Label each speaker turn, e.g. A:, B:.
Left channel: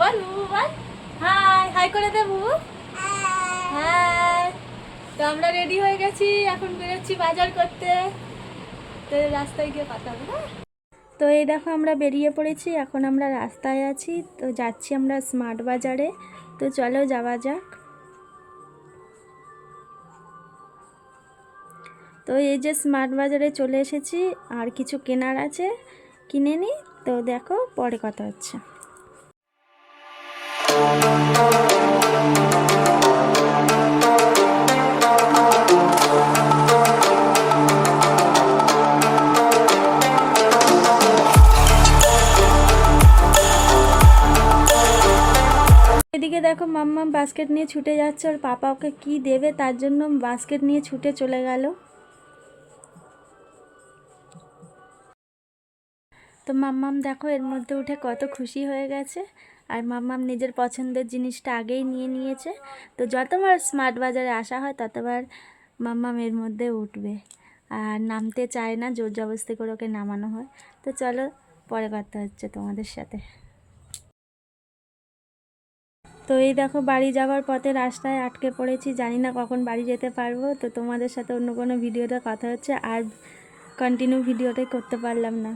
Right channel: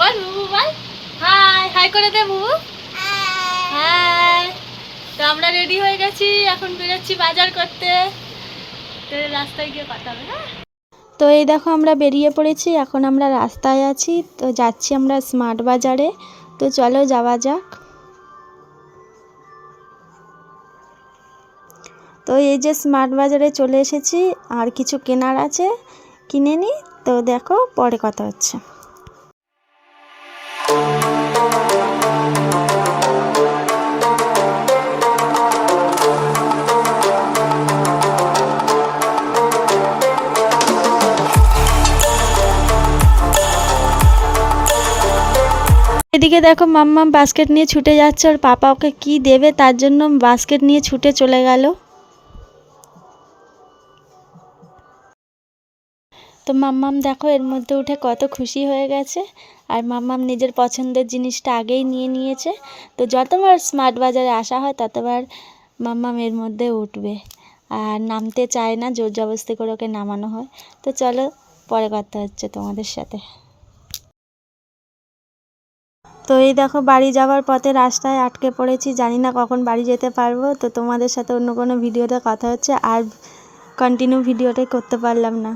A: বল বুবু, বল। High high করে দে বুবু। হাই তো আমরা রেডি হয়ে গেছি, এখন বেরোচ্ছি বাজার করতে। তো রাস্তায় গিয়ে কথা হবে হ্যাঁ?
B: তো এই দেখো আমরা বেরিয়ে পড়েছি, এখন আমরা রাস্তায় আছি। তো যাচ্ছি আমরা স্মার্ট বাজারে। তো চলো যাওয়া যাক। তো এই যে স্মার্ট বাজারে চলে এসেছি, আর কিছু কেনার আছে কিনে নি। তো দেখো পরে কথা হচ্ছে। এদিকে দেখো মাম্মাম বাস্কেট নিয়ে ছুটে যাচ্ছে ওর পাপা ওকে কী দেবে তার জন্য বাস্কেট নিয়ে ছুটে চলে গেল। তো মাম্মাম দেখো এর মধ্যে উঠে কত খুশি হয়ে গেছে, আর মাম্মাম নিজের পছন্দের জিনিসটা আগেই নিয়ে নিয়েছে। তো যতবার স্মার্ট বাজারে আসা হয় ততবার মাম্মাম এর মধ্যে উঠবে, আর নামতে চায় না, জোর জবস্তি করে ওকে নামানো হয়। তো চলো পরে কথা হচ্ছে তোমাদের সাথে। তো এই দেখো, বাড়ি যাওয়ার পথে রাস্তায় আটকে পড়েছি। জানি না কখন বাড়ি যেতে পারব। তো তোমাদের সাথে অন্য কোনো ভিডিওতে কথা হচ্ছে। আর কন্টিনিউ ভিডিওটাই করতে পারলাম না।